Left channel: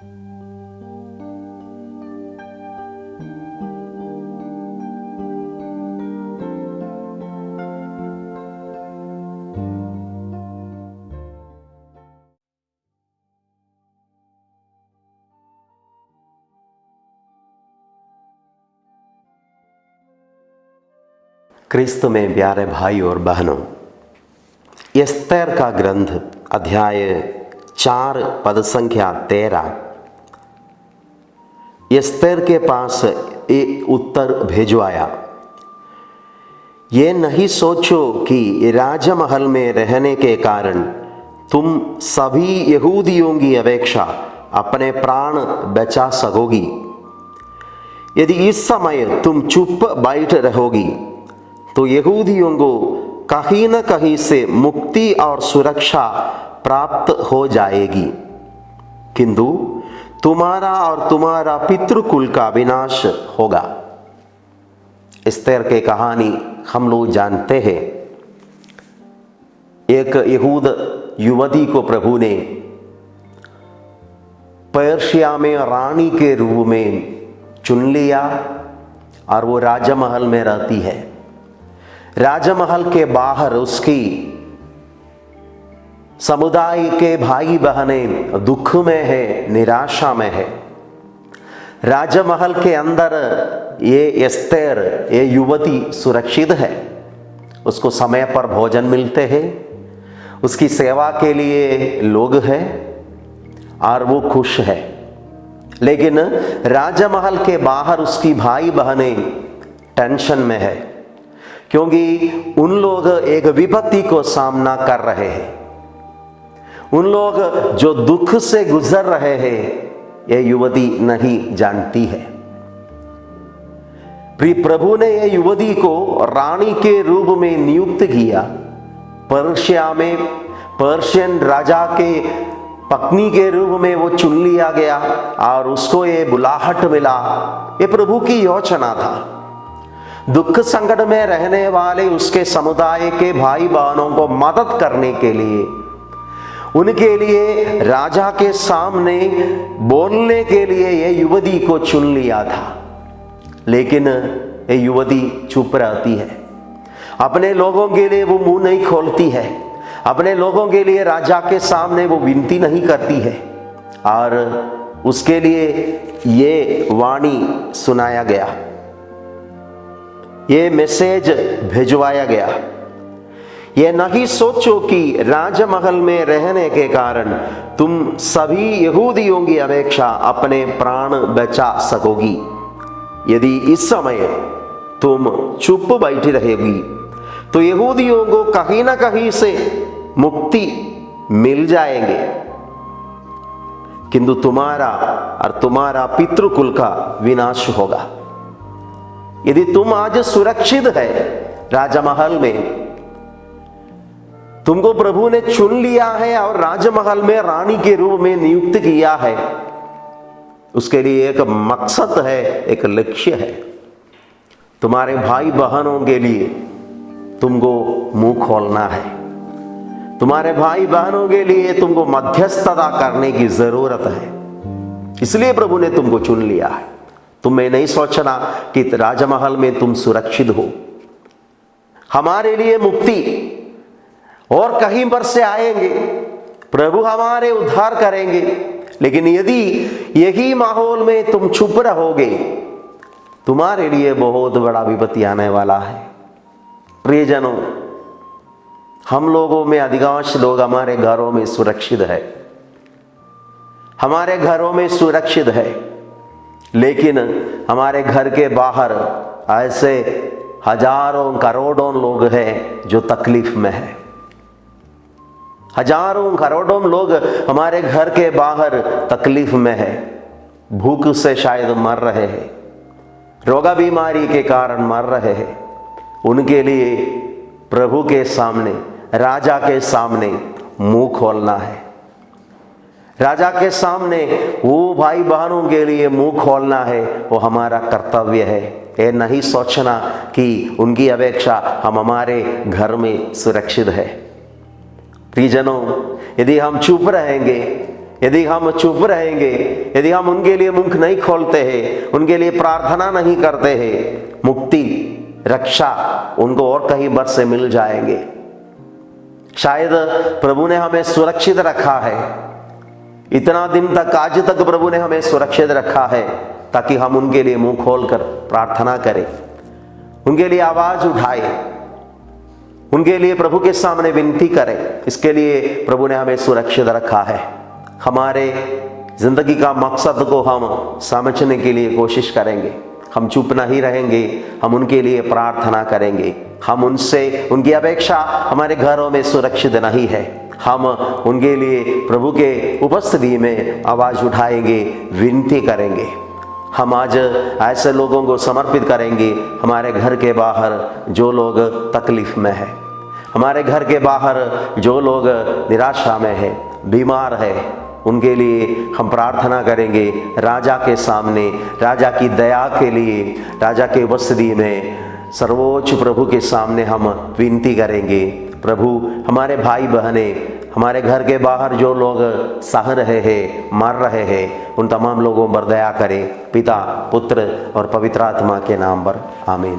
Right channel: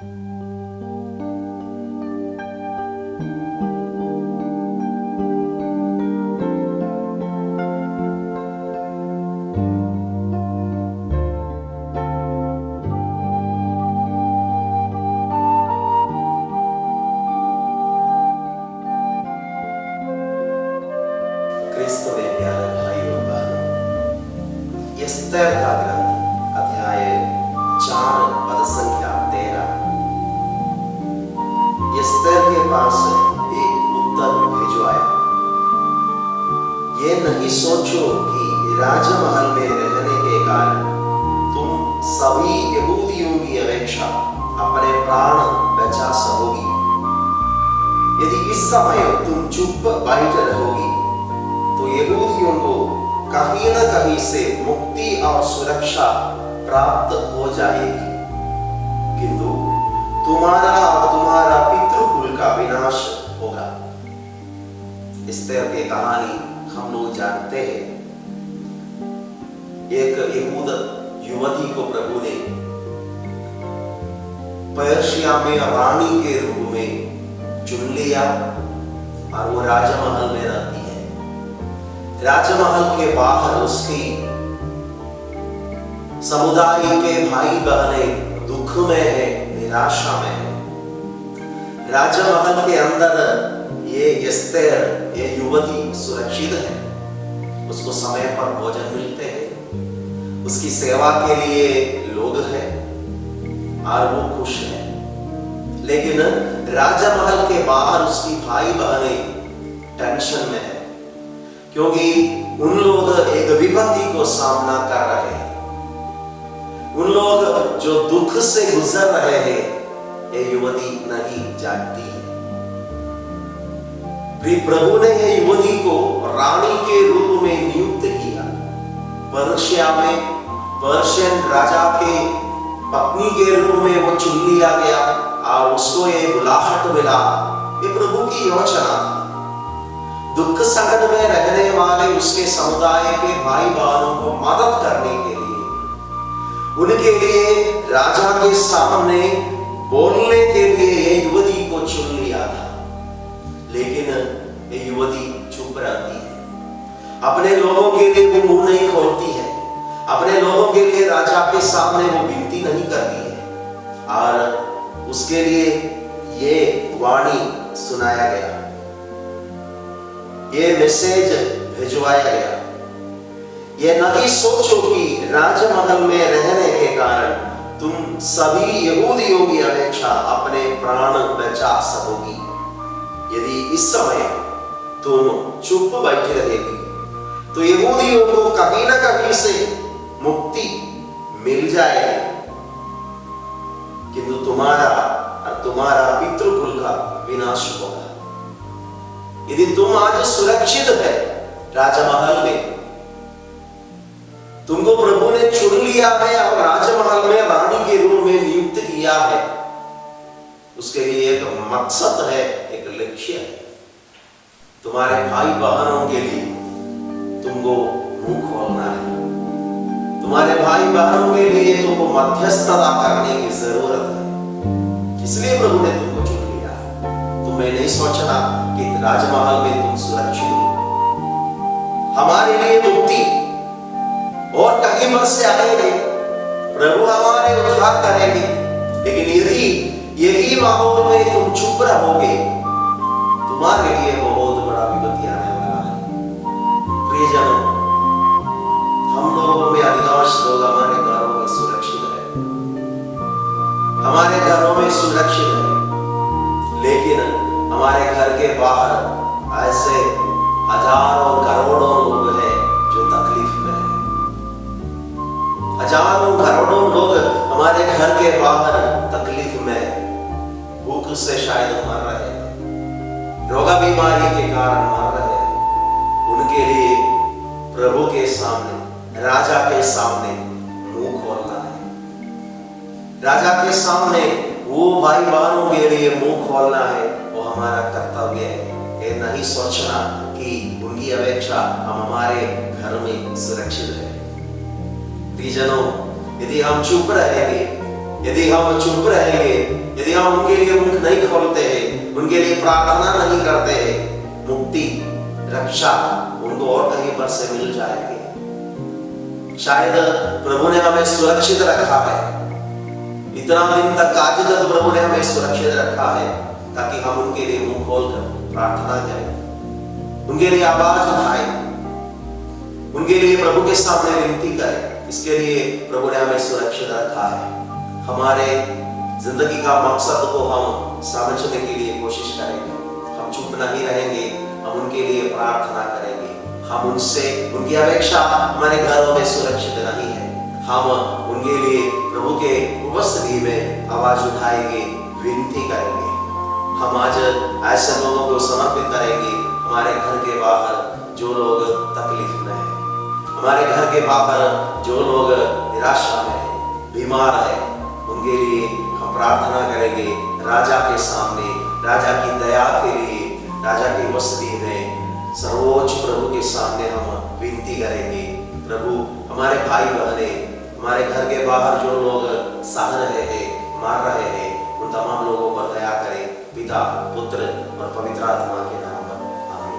क्रिस्त में प्यारे भाई और बहनों, एस्तेर का ग्रंथ अध्याय 4 पद संख्या 13। एस्तेर के पास एक उत्तर भिजवाया। ये नहीं सोचो कि राजमहल में रहने के कारण तुम सभी यहूदियों की अपेक्षा अपने प्राण बचा सकोगी। यदि इस समय तुम चुप बैठ रहोगी तो यहूदियों को कहीं न कहीं से मुक्ति और सुरक्षा प्राप्त हो जाएगी, किंतु तुम्हारा और तुम्हारा पितृकुल का विनाश होगा। एस्तेर की कहानी हम लोग जानते हैं। एक यहूद युवती को प्रभु ने पर्शिया में रानी के रूप में चुन लिया और वो राजमहल में रहती है। राजमहल के बाहर उसकी समुदाय के भाई बहनें दुख में है, निराशा में है। राजमहल के अंदर ये एस्तेर, ये युवती सुरक्षित है। उसको समय पर भोजन मिलते हैं, उसकी सेवा के लिए लोग हैं और वो खुश है। लेकिन राजमहल के बाहर उसकी भाई बहनें टेंशन में है, क्योंकि उन लोग एक विपत्ति को सामना कर रहे हैं। उन लोग जो दुख से गुजर रहे हैं ये युवती नहीं जानती है। प्रभु ने ये युवती को रानी के रूप में नियुक्त किया। पर्शिया में पर्शियन राजा के पत्नी के रूप में वो चुन लिया गया और उसको ये बुलाहट मिला। ये प्रभु की योजना था। दुख संकट में रहने वाले उसके समुदाय के भाई बहनों को मदद करने के लिए, उनके लिए राजा के सामने बोलने के लिए ये युवती को चुन लिया था। लेकिन ये युवती चुप रहती है। अपने लोगों के लिए वो मुंह नहीं खोलती है। अपने लोगों के लिए राजा के सामने वो विनती नहीं करती है। और उसके लिए ये वाणी सुनाया गया, ये मैसेज भिजवाया गया। ये नहीं सोचो कि राजमहल में रहने के कारण तुम सभी यहूदियों की अपेक्षा अपने प्राण बचा सकोगी। यदि इस समय तुम चुप बैठी रहेगी तो यहूदियों को कहीं ना कहीं से मुक्ति मिल जाएंगे, किंतु तुम्हारा और तुम्हारा पितृकुल का विनाश होगा। यदि तुम आज सुरक्षित है राजमहल में, तुमको प्रभु ने चुन लिया है और राजमहल में रानी के रूप में नियुक्त किया है, उसके लिए एक मकसद है, एक लक्ष्य है। तुम्हारे भाई बहनों के लिए तुमको मुंह खोलना है। तुम्हारे भाई बहनों के लिए तुमको मध्यस्थता करने की जरूरत है। इसलिए प्रभु ने तुमको चुन लिया है। तुम्हें नहीं सोचना कि राजमहल में तुम सुरक्षित हो। हमारे लिए मुक्ति और कहीं पर से आएंगे, प्रभु हमारे उद्धार करेंगे। लेकिन यदि यही माहौल में तुम चुप रहोगे, तुम्हारे लिए बहुत बड़ा विपत्ति आने वाला है। प्रियजनों, हम लोगों में अधिकांश लोग हमारे घरों में सुरक्षित है, हमारे घरों में सुरक्षित है, लेकिन हमारे घर के बाहर ऐसे हजारों करोड़ों लोग हैं जो तकलीफ में है। हजारों करोड़ों लोग हमारे घर के बाहर तकलीफ में है। भूख से शायद मर रहे हैं, रोगा बीमारी के कारण मर रहे हैं। उनके लिए प्रभु के सामने, राजा के सामने मुंह खोलना है। राजा के सामने वो भाई बहनों के लिए मुंह खोलना है, वो हमारा कर्तव्य है। ये नहीं सोचना कि उनकी अपेक्षा हम हमारे घर में सुरक्षित है। प्रियजनों, यदि हम चुप रहेंगे यदि हम चुप रहेंगे, यदि हम उनके लिए मुख नहीं खोलते हैं, उनके लिए प्रार्थना नहीं करते हैं, मुक्ति रक्षा उनको और कहीं बर से मिल जाएंगे। शायद प्रभु ने हमें सुरक्षित रखा है, इतना दिन तक, आज तक प्रभु ने हमें सुरक्षित रखा है ताकि हम उनके लिए मुंह खोलकर प्रार्थना करें, उनके लिए आवाज उठाएं, उनके लिए प्रभु के सामने विनती करें। इसके लिए प्रभु ने हमें सुरक्षित रखा है। हमारे जिंदगी का मकसद को हम समझने के लिए कोशिश करेंगे, हम चुप नहीं रहेंगे, हम उनके लिए प्रार्थना करेंगे। हम उनसे, उनकी अपेक्षा हमारे घरों में सुरक्षित नहीं है, हम उनके लिए प्रभु के उपस्थिति में आवाज उठाएंगे, विनती करेंगे। हम आज ऐसे लोगों को समर्पित करेंगे, हमारे घर के बाहर जो लोग तकलीफ में है, हमारे घर के बाहर जो लोग निराशा में है, बीमार है, उनके लिए हम प्रार्थना करेंगे। राजा के सामने, राजा की दया के लिए, राजा के उपस्थिति में, सर्वोच्च प्रभु के सामने हम विनती करेंगे। प्रभु, हमारे भाई बहने, हमारे घर के बाहर जो लोग सह रहे हैं, मर रहे हैं, उन तमाम लोगों पर दया करें। पिता, पुत्र और पवित्र आत्मा के नाम पर आमीन।